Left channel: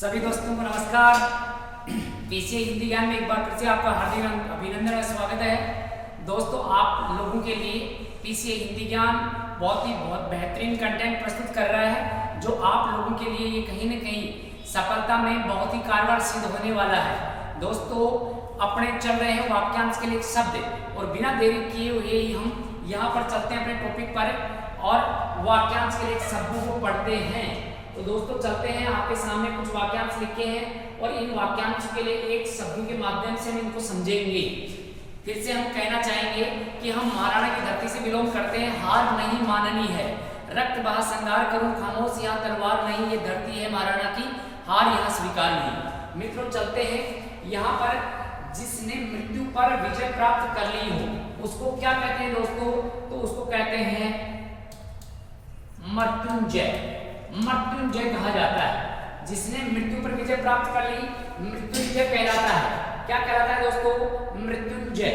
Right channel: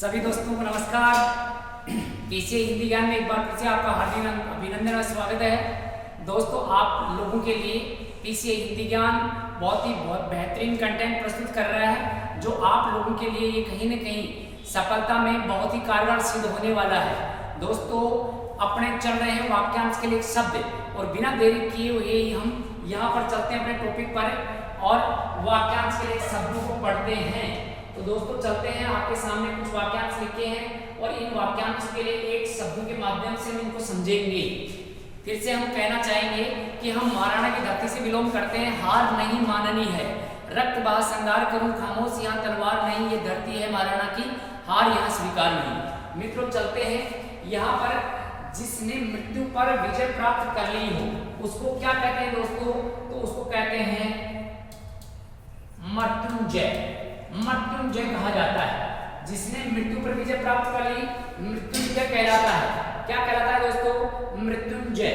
सभी दोस्तों को नमस्कार। पीसीए हिंदी ज्ञान में एक बार फिर से आपका हार्दिक अभिनंदन और स्वागत है। दोस्तों, आप लोगों के लिए पीसीए हिंदी ज्ञान बहुत बेहतरीन कंटेंट प्रस्तुत कर रहा है, जो आप लोगों के लिए ये कहीं न कहीं सफलता में बहुत ही कारगर सिद्ध होने वाला है। दोस्तों, अपने चल रहे हैं वाक्यांश के लिए शब्द, और बिना देरी किए हुए हम यहाँ पर चलते हैं अपने टॉपिक पर और वाक्यांश के लिए शब्दों को पढ़ते हैं। तो दोस्तों चलते हैं, आपके सामने कुछ वाक्यांश लिखे हैं और इन वाक्यांश के लिए एक शब्दों के माध्यम से हम इनको समझेंगे। फिर से हम कहना चाहेंगे कि हम महाराणा की धरती से बिलोंग करते हैं, हार नहीं माननी है, रक्त बहा संगार करूं खामोश यहाँ तलवार नहीं, ये धरती है महाराणा की, हार यहाँ स्वीकार नहीं। मित्रों चलते हैं, यहाँ पर जिसने मृत्यु पर विजय प्राप्त कर ली हो उसको क्या कहते हैं दोस्तों? तो उसको कहते हैं मृत्युंजय। मृत्युंजय कहा जाता है। जिसने मृत्यु पर विजय प्राप्त कर ली मृत्युंजय कहलाता है। क्या कहलाता है दोस्तों? मृत्युंजय।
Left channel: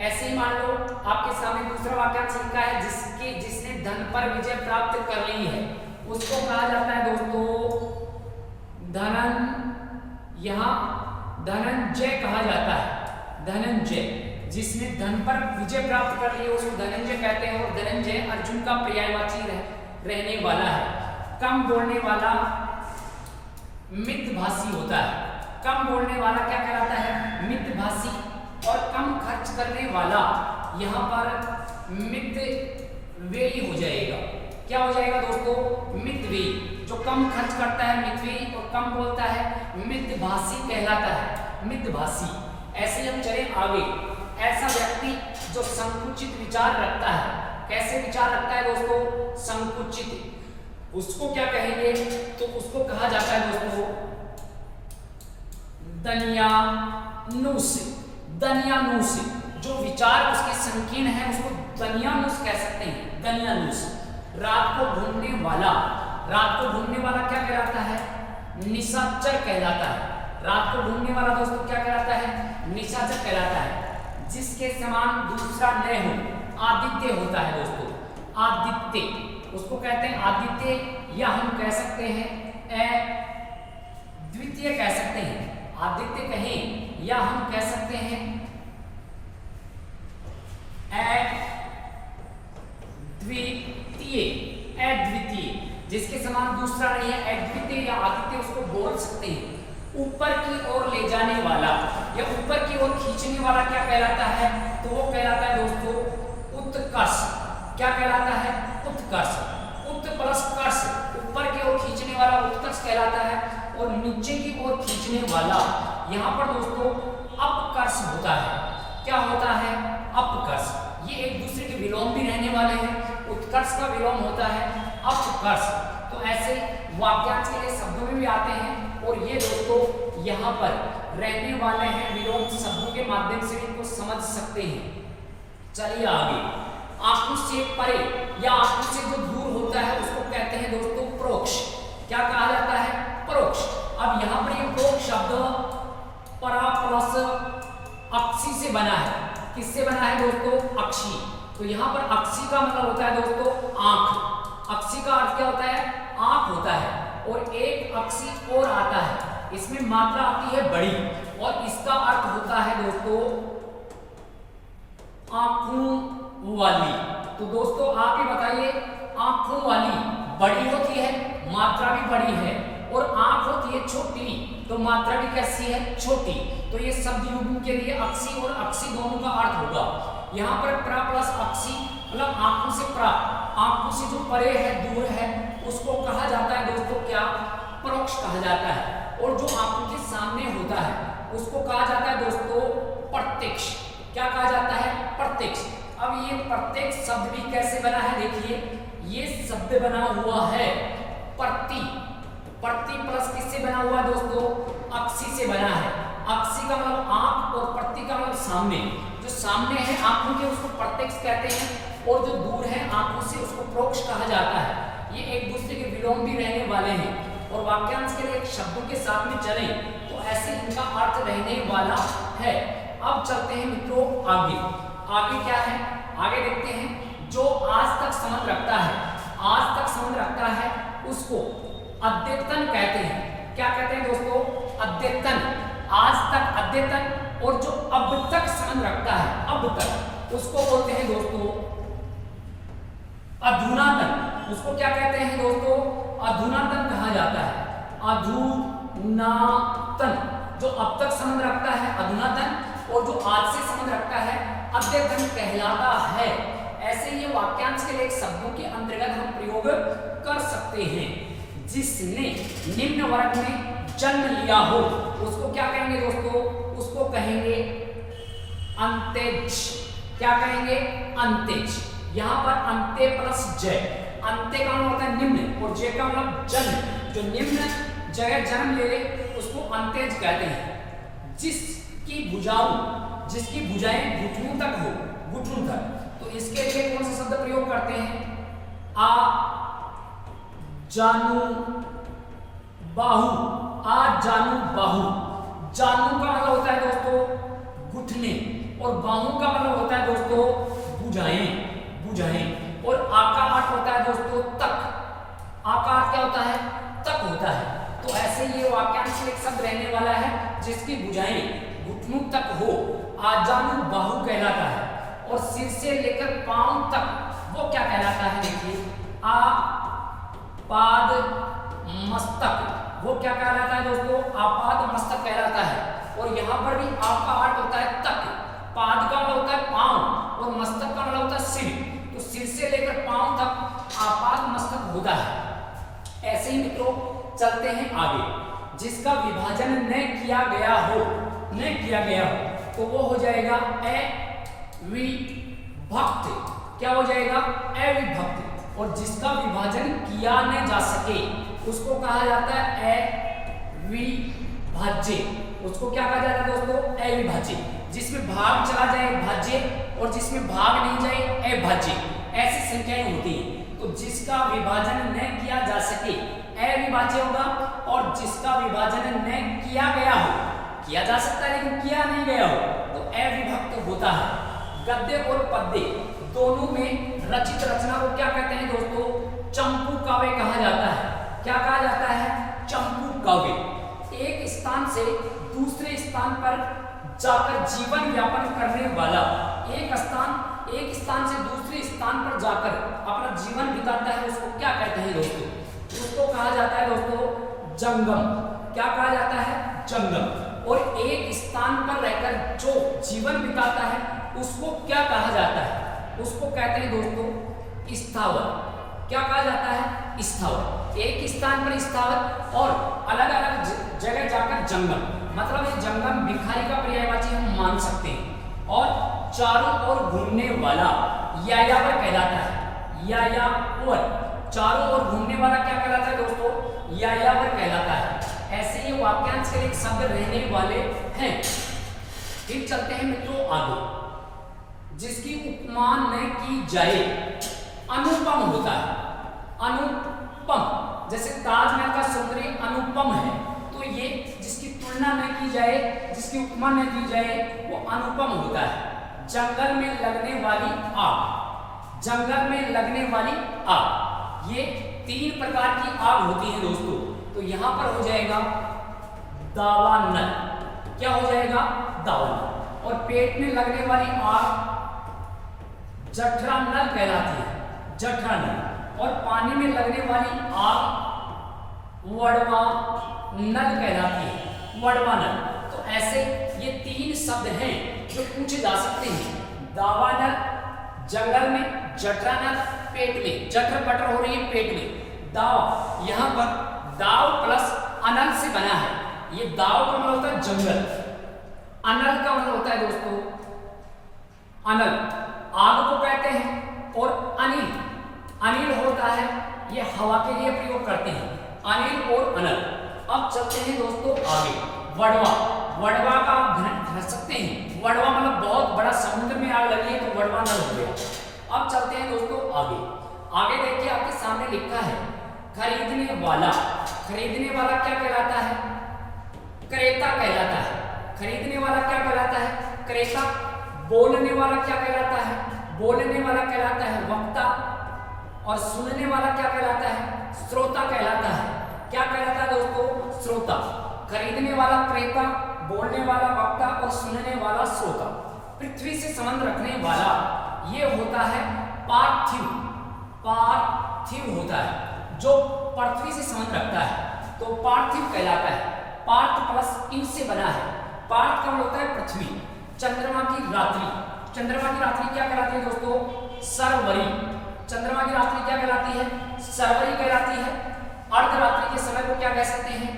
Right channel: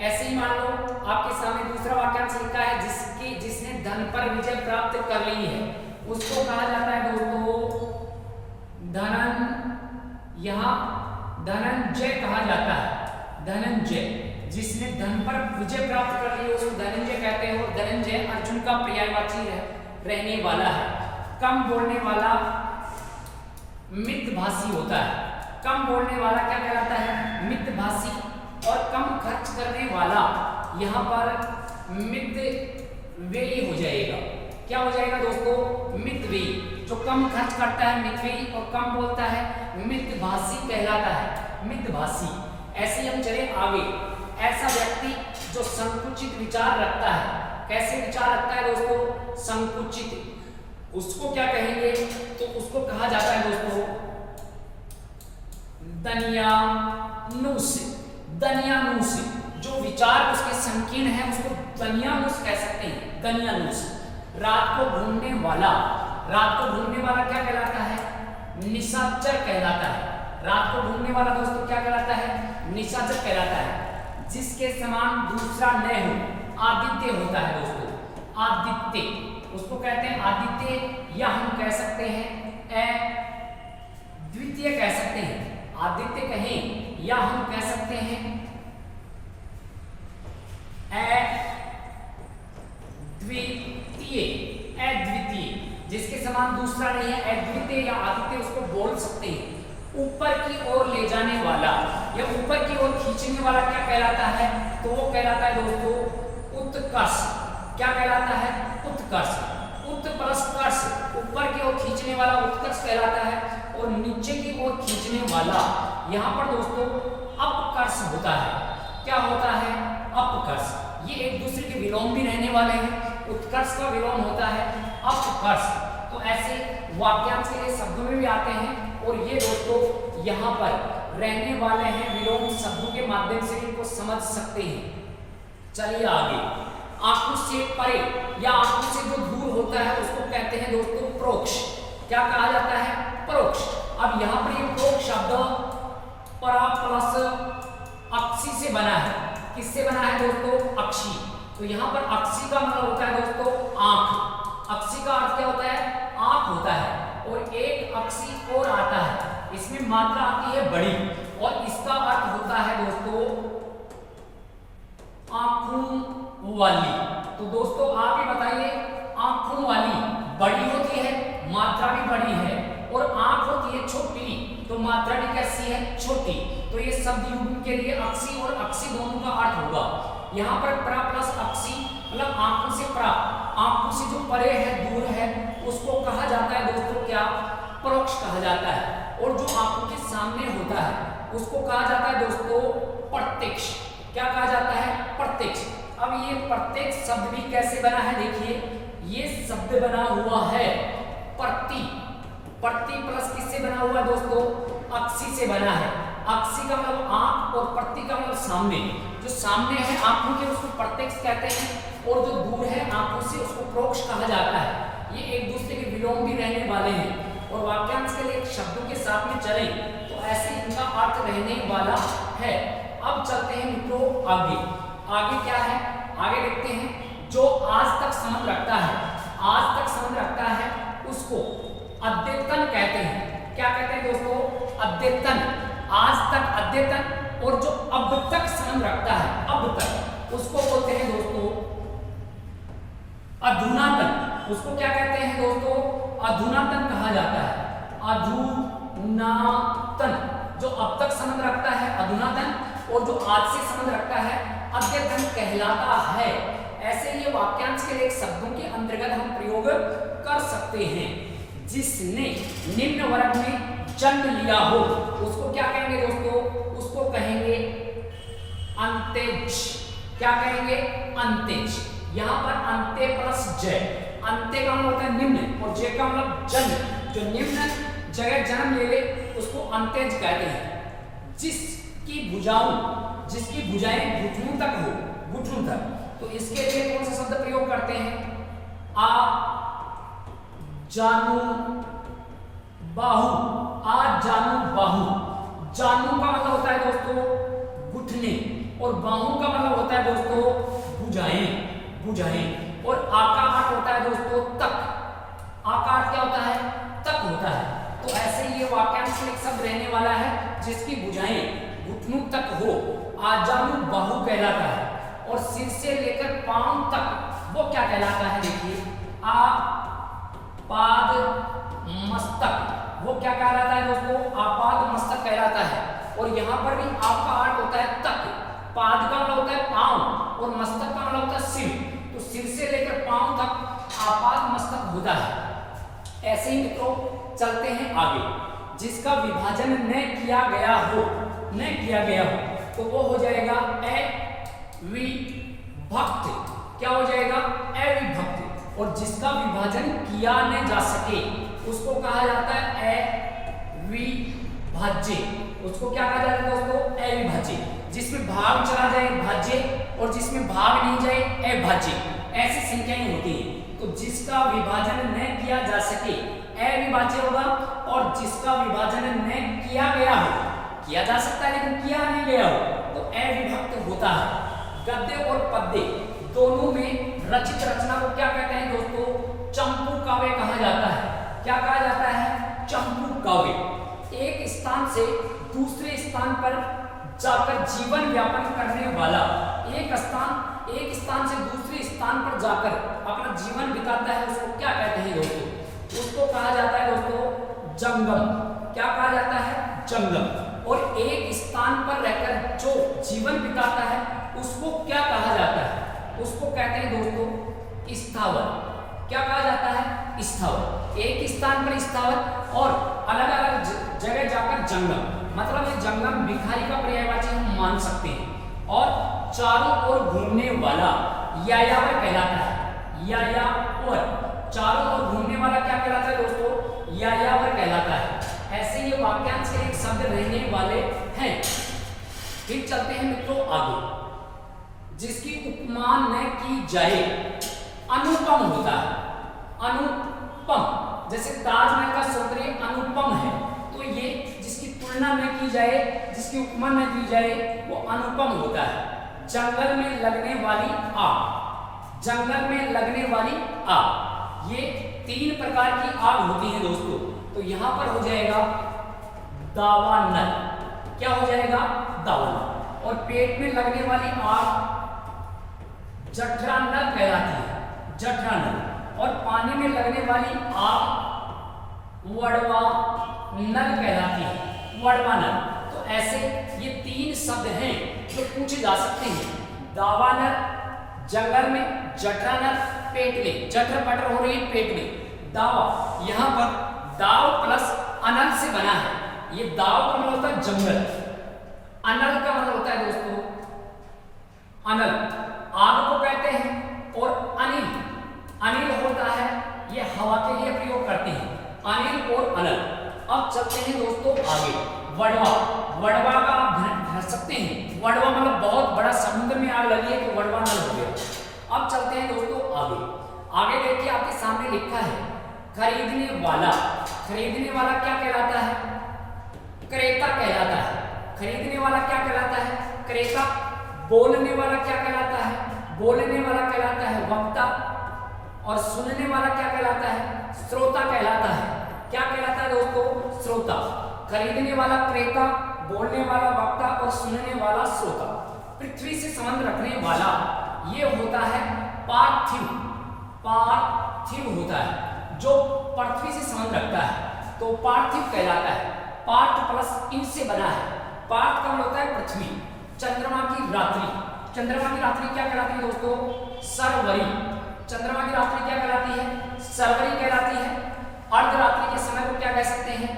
ऐसे ही मान लो आपके सामने दूसरा वाक्यांश लिखा है, जिसने धन पर विजय प्राप्त कर ली है उसको कहा जाता है दोस्तों धनंजय कहा जाता है। धनंजय। जिसने धन पर विजय प्राप्त कर ली उसको धनंजय कहते हैं, और धनंजय अर्जुन का पर्यायवाची रहने वाला है। कम बोलने वाला मितभाषी होता है। कम बोलने वाला क्या कहलाता है? मितभाषी। और कम खर्च करने वाला यहाँ पर मितव्ययी हो जाएगा। क्या हो जाएगा दोस्तों? मितव्ययी। जो कम खर्च करता है मितव्ययी, और कम बोलता है मितभाषी कहलाता है। मितभाषी। ऐसे हम चले आगे। ऐसा व्यक्ति जो संकुचित विचार रखता है। कैसे विचार रखता है दोस्तों? संकुचित। उसको क्या कहेंगे? तो उसको कहा जाता है दोस्तों दनियानुस। दनियानुस। जो विचार उसके संकीर्ण है उसको दनियानुस कह सकते हैं। दनियानुस। रात को घूमने वाला। रात को घूमने वाला क्या कहलाता है? निशाचर कहलाता है। रात को घूमने वाला दोस्तों क्या कहलाता है? निशाचर कहलाता है। जिसके समान दूसरा न हो आदित्य होता है दोस्तों। आदित्य। उसको कहते हैं आदित्य, या हम कह सकते हैं द्वितीय कह सकते हैं। आदित्य कहें या हम कह सकते हैं अद्वितीय। अद्वितीय। जिसके समान दूसरा नहीं है, अद्वितीय या आदित्य उसको बोल सकते हैं। ऊपर की ओर ले जाने वाला या ऊपर की ओर खींचने वाला क्या कहलाता है? तो वो कहलाता है दोस्तों उत्कर्ष। क्या कहलाता है? उत्कर्ष। उत प्लस कर्ष। ऊपर की ओर खींचने वाला उत्कर्ष कहलाता है, और नीचे की ओर खींचने वाला यहाँ पर दोस्तों अपकर्ष होता है। क्या होता है? अपकर्ष। ये एक दूसरे के विलोम भी रहने वाले हैं। उत्कर्ष का विलोम होता है अपकर्ष। तो ऐसे वाक्यांश के लिए शब्दों में भी आते हैं, और ये दोस्तों यहाँ पर रहने वाले हैं विलोम शब्दों के माध्यम से इनको समझ सकते हैं। चलिए आगे। आंखों से परे या आंखों से जो दूर होता है उसको कहते हैं दोस्तों परोक्ष। क्या कहा जाता है? परोक्ष। अब यहाँ पर ये परोक्ष शब्द परा प्लस अक्षी से बना है। किससे बना है दोस्तों? अक्षी। तो यहाँ पर अक्षी का मतलब होता है दोस्तों आंख। अक्षी का अर्थ क्या होता है? आंख होता है, और एक अक्षी और आता है, इसमें मात्रा आती है बड़ी, और इसका अर्थ होता है दोस्तों आंखों वाली। तो दोस्तों आप ही बताइए, आंखों वाली बड़ी होती है, मात्रा भी बड़ी है, और आंख होती है छोटी, तो मात्रा भी कैसी है? छोटी। तो ये शब्द युग्म के लिए अक्षी और अक्षी दोनों का अर्थ होगा। यहाँ पर प्रा प्लस अक्षी मतलब आंखों से प्रा, आंखों से जो परे है, दूर है, उसको कहा जाता है दोस्तों क्या? परोक्ष कहा जाता है। और जो आंखों के सामने होता है उसको कहा जाता है दोस्तों प्रत्यक्ष। क्या कहा जाता है? प्रत्यक्ष। अब ये प्रत्यक्ष शब्द भी कैसे बना है? देखिए, ये शब्द बना हुआ है प्रति। प्रति प्लस किससे बना हुआ है दोस्तों? अक्षी से बना है। अक्षी का मतलब आंख, और प्रति का मतलब सामने। जो सामने है आंखों के उसको प्रत्यक्ष कहते हैं, और जो दूर है आंखों से उसको परोक्ष कहा जाता है। ये एक दूसरे के विलोम भी रहने वाले हैं, और वाक्यांश के लिए शब्दों के साथ में चले तो ऐसे इनका अर्थ रहने वाला है। अब चलते हैं मित्रों आगे। आगे क्या है? आगे देखते हैं, जो आज तक संबंध रखता है, आज तक संबंध रखता है उसको अद्यतन कहते हैं। क्या कहते हैं दोस्तों, अद्यतन, आज तक अद्यतन, और जो अब तक संबंध रखता है, अब तक, उसको बोलते हैं दोस्तों अधुनातन। उसको क्या कहते हैं दोस्तों, अधुनातन कहा जाता है। अधुनातन जो अब तक संबंध रखता है अधुनातन, और जो आज से संबंध रखता है अद्यतन कहलाता है। ऐसे ये वाक्यांश के लिए शब्दों के अंतर्गत हम प्रयोग कर सकते हैं। जिसने निम्न वर्ग में जन्म लिया हो उसको क्या कहेंगे दोस्तों, उसको कहेंगे अंत्यज। क्या कहेंगे, अंत्यज। यहाँ पर अंत्य प्लस जय, अंत्य का मतलब होता है निम्न, और जय का मतलब जन्म। जो निम्न जगह जन्म ले ले उसको अंत्यज कहते हैं। जिसकी भुजाएं घुटनों तक हो, घुटनों तक, तो इसके लिए कौन सा शब्द प्रयोग करते हैं, आ जानू बाहु। आ जानू बाहु, जानू का मतलब होता है दोस्तों घुटने, और बाहु का मतलब होता है दोस्तों भुजाएं, भुजाएं। और आकार होता है दोस्तों तक। आकार क्या होता है, तक होता है। तो ऐसे ये वाक्यांश में एक शब्द रहने वाला है जिसकी भुजाएं घुटनों तक हो, आजानू बाहु कहलाता है। और सिर से लेकर पांव तक वो क्या कहलाता है, देखिए आपाद मस्तक, वो क्या कहलाता है दोस्तों, आपाद मस्तक कहलाता है। और यहाँ पर भी आपका अर्थ होता है तक, पाद का मतलब होता है पांव, और मस्तक का मतलब होता है सिर। तो सिर से लेकर पांव तक आपाद मस्तक होता है। ऐसे ही मित्रों चलते हैं आगे। जिसका विभाजन न किया गया हो, न किया गया हो, तो वो हो जाएगा अविभक्त। क्या हो जाएगा, अविभक्त। और जिसका विभाजन किया न जा सके उसको कहा जाता है अविभाज्य। उसको क्या कहा जाता है दोस्तों, अविभाज्य। जिसमें भाग चला जाए भाज्य, और जिसमें भाग नहीं जाए अभाज्य, ऐसी संख्याएं होती हैं। तो जिसका विभाजन न किया जा सके अविभाज्य होगा, और जिसका विभाजन न किया गया हो, किया जा सकता है लेकिन किया नहीं गया हो, तो अविभक्त होता है। गद्य और पद्य दोनों में रचित रचना को क्या कहते हैं दोस्तों, चंपू काव्य कहा जाता है। क्या कहा जाता है, चंपू काव्य। एक स्थान से दूसरे स्थान पर जाकर जीवन यापन करने वाला, एक स्थान से दूसरे स्थान पर जाकर अपना जीवन बिताता है, उसको क्या कहते हैं दोस्तों, उसको कहा जाता है दोस्तों जंगम। क्या कहा जाता है, जंगम। और एक स्थान पर रहकर जो जीवन बिताता है उसको क्या कहा जाता है, उसको कहते हैं दोस्तों स्थावर। क्या कहा जाता है, स्थावर। एक स्थान पर स्थावर और अलग अलग जगह जाकर जंगम, मतलब ये जंगम भिखारी का पर्यायवाची हम मान सकते हैं। और चारों ओर घूमने वाला यायावर कहलाता है। यायावर, चारों ओर घूमने वाला क्या कहलाता है दोस्तों, यायावर कहलाता है। ऐसे ये वाक्यांश के एक शब्द रहने वाले हैं। फिर चलते हैं मित्रों आगे। जिसकी उपमा न की जाए अनुपम होता है। अनुपम, जैसे ताजमहल का सौंदर्य अनुपम है, तो ये जिसकी तुलना न की जाए, जिसकी उपमा न की जाए, वो अनुपम होता है। जंगल में लगने वाली आग, जंगल में लगने वाली आग, ये 3 प्रकार की आग होती है दोस्तों। तो यहां पर हो जाएगा दावानल। क्या हो जाएगा, दावानल। और पेट में लगने वाली आग जठरानल कहलाती है, जठरानल। और पानी में लगने वाली आग वड़वानल कहलाती है, वड़वानल। तो ऐसे ये 3 शब्द हैं जो पूछे जा सकते हैं। दावानल जंगल में, जठरानल पेट में, जठर पटर हो रही है पेट में। दाव, यहाँ पर दाव प्लस अनल से बना है। ये दाव का मतलब होता है जंगल, अनल का मतलब होता है दोस्तों अनल, आग को कहते हैं। और अनिल, अनिल होता है ये हवा के लिए प्रयोग करते हैं, अनिल और अनल। अब चलते हैं दोस्तों आगे। वड़वा, वड़वा का आप ध्यान रख सकते हैं, वड़वा मतलब बहुत बड़ा समुद्र में आग लगी है तो वड़वा नल हो गया। अब चलते हैं दोस्तों आगे। आगे देखिए आपके सामने लिखा है खरीदने वाला। खरीदने वाला क्या कहलाता है, क्रेता कहलाता है। खरीदने वाला क्या कहलाता है, क्रेता। बोलने वाला क्या कहलाता है, बोलने वाला कहलाता है वक्ता। और सुनने वाला क्या कहलाता है, श्रोता कहलाता है। क्या कहलाता है दोस्तों? श्रोता। खरीदने वाला क्रेता, बोलने वाला वक्ता और सुनने वाला श्रोता। पृथ्वी से संबंध रखने वाला ये होता है पार्थिव। पार्थिव होता है जो पृथ्वी से संबंध रखता है तो पार्थिव कहलाता है। पार्थ प्लस इन से बना है। पार्थ का मतलब होता है पृथ्वी। चंद्रमा की रात्रि, चंद्रमा की रात्रि क्या कहलाती है दोस्तों? सरवरी। चंद्रमा की रात्रि क्या कहलाती है? सरवरी कहलाती है। अर्धरात्रि के समय को क्या कह सकते हैं?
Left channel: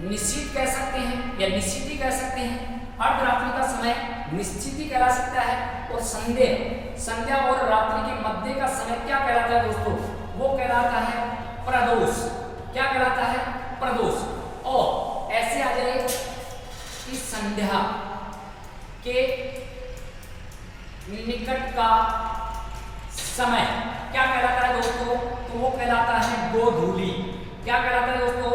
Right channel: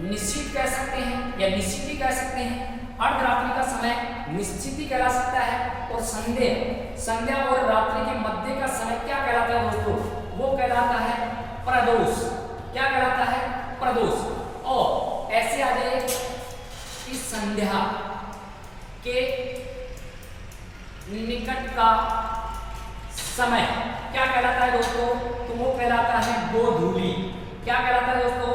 निश्चित कह सकते हैं या निश्चिती कह सकते हैं। अर्धरात्रि का समय निश्चिती कहला सकता है। और संध्या, संध्या और रात्रि के मध्य का समय क्या कहलाता है दोस्तों? वो कहलाता है प्रदोष। क्या कहलाता है? प्रदोष। और ऐसे आ जाए कि संध्या के निकट का समय क्या कहलाता है दोस्तों? तो वो कहलाता है गोधूली। क्या कहलाता है दोस्तों?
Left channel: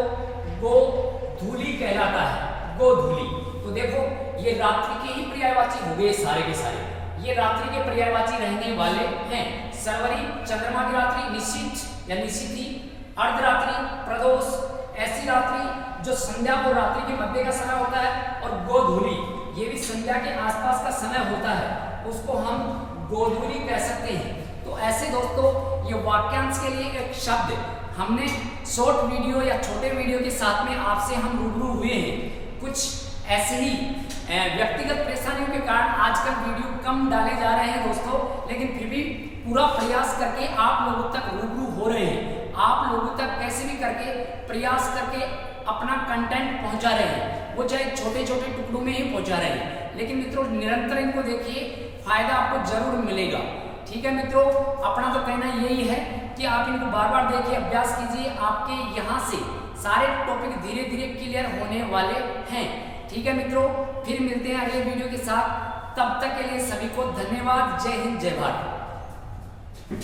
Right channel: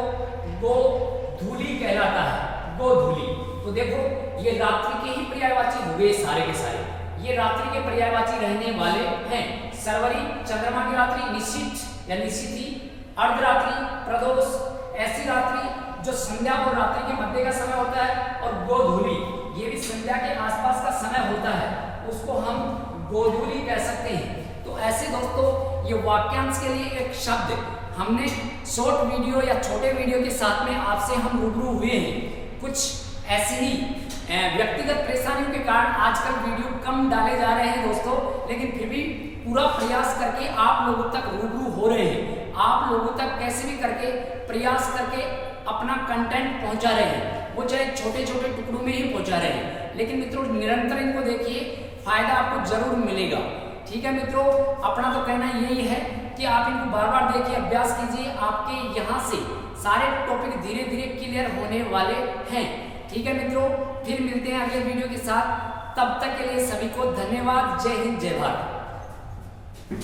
गोधूली कहलाता है। गोधूली। तो देखो ये रात्रि के ही पर्यायवाची हो गए सारे के सारे। ये रात्रि के पर्यायवाची रहने वाले हैं। सरवरी चंद्रमा की रात्रि, निश्चित या निश्चिती, अर्धरात्रि, प्रदोष, ऐसी रात्रि जो संध्या और रात्रि के मध्य का समय होता है, और गोधूली ये भी संध्या के आसपास का समय होता है, उसको हम गोधूली कह सकते हैं। तो ऐसे दोस्तों ये वाक्यांश के लिए एक शब्द हमने शॉर्ट वीडियो या छोटे वीडियो के साथ में आपसे हम रूबरू हुए हैं। कुछ ऐसे ही व्यक्तिगत परेशानियों के कारण आजकल वीडियो कम डाले जा रहे हैं दोस्तों, लेकिन फिर भी पूरा प्रयास करके आप लोगों तक रूबरू हो रहे हैं। आप लोगों तक कैसे भी करके प्रयास करके अपना कंटेंट पहुंचा रहे हैं, वो चाहे छोटे छोटे टुकड़ों में ही पहुंचा रहे हैं, लेकिन मित्रों निरंतर इनको देखिए, फायदा आपको जरूर मिलेगा। ठीक है मित्रों, अपना तो कहना यही है कि आप इनको बार बार देखिए, अभ्यास कीजिए, आपके यहाँ से सारे टॉपिक धीरे धीरे क्लियर होने वाले हैं। ठीक है मित्रों, फिर मिलते हैं अगले वीडियो के साथ। तब तक के लिए सभी को धन्यवाद। जय हिंद, जय भारत।